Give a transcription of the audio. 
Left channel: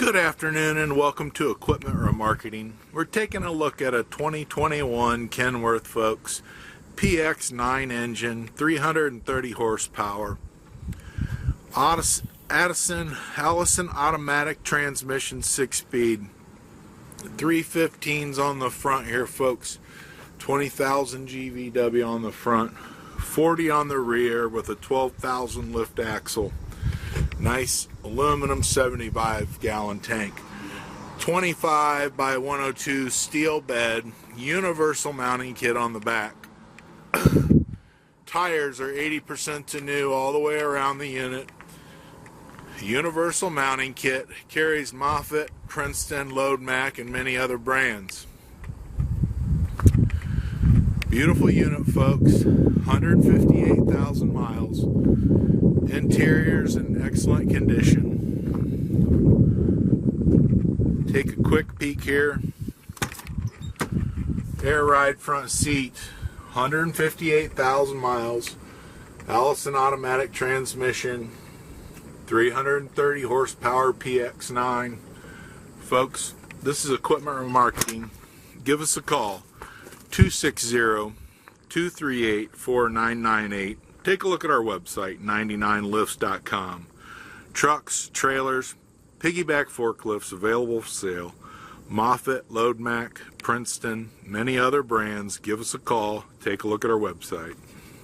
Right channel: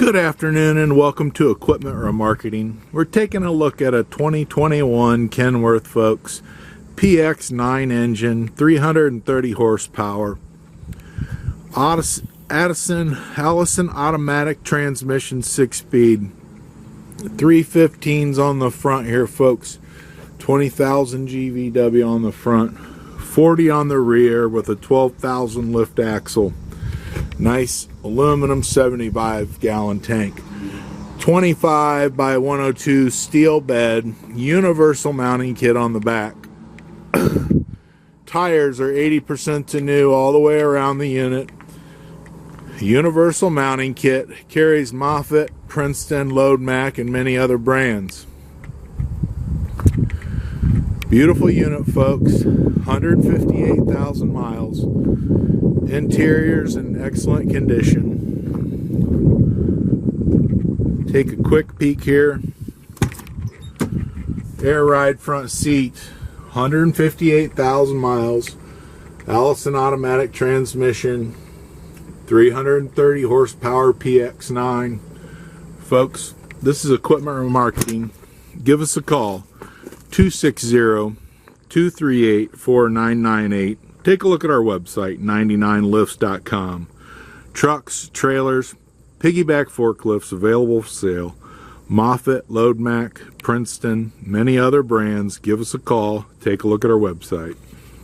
Good afternoon and welcome to Equipment Remarketing. We're taking a look at a 2021 Kenworth, folks. PX9 engine, 330 horsepower. Allison automatic transmission, 6-speed. 315s on the front here, folks. 20,000 GVW on the front. 40 on the rear with a 12,000 lift axle. Nice aluminum 75-gallon tank. 25 by 102 steel bed. Universal mounting kit on the back. Tires are 80% to new all the way around the unit. Universal mounting kit. Carries Moffett, Princeton, Loadmac, and many other brands. Beautiful unit, folks. 158,000 miles. Interior's in excellent condition. Take a quick peek here. Air Ride front seat. 158,000 miles. Allison automatic transmission. 330 horsepower PX9. Folks, this is Equipment Remarketing. Give us a call. 260-238-4998. Take a look at our website, 99lifts.com. Trucks, trailers, Piggyback forklifts available for sale. Moffett, Loadmac, Princeton, many other brands. Give us a call. Take a look at our website.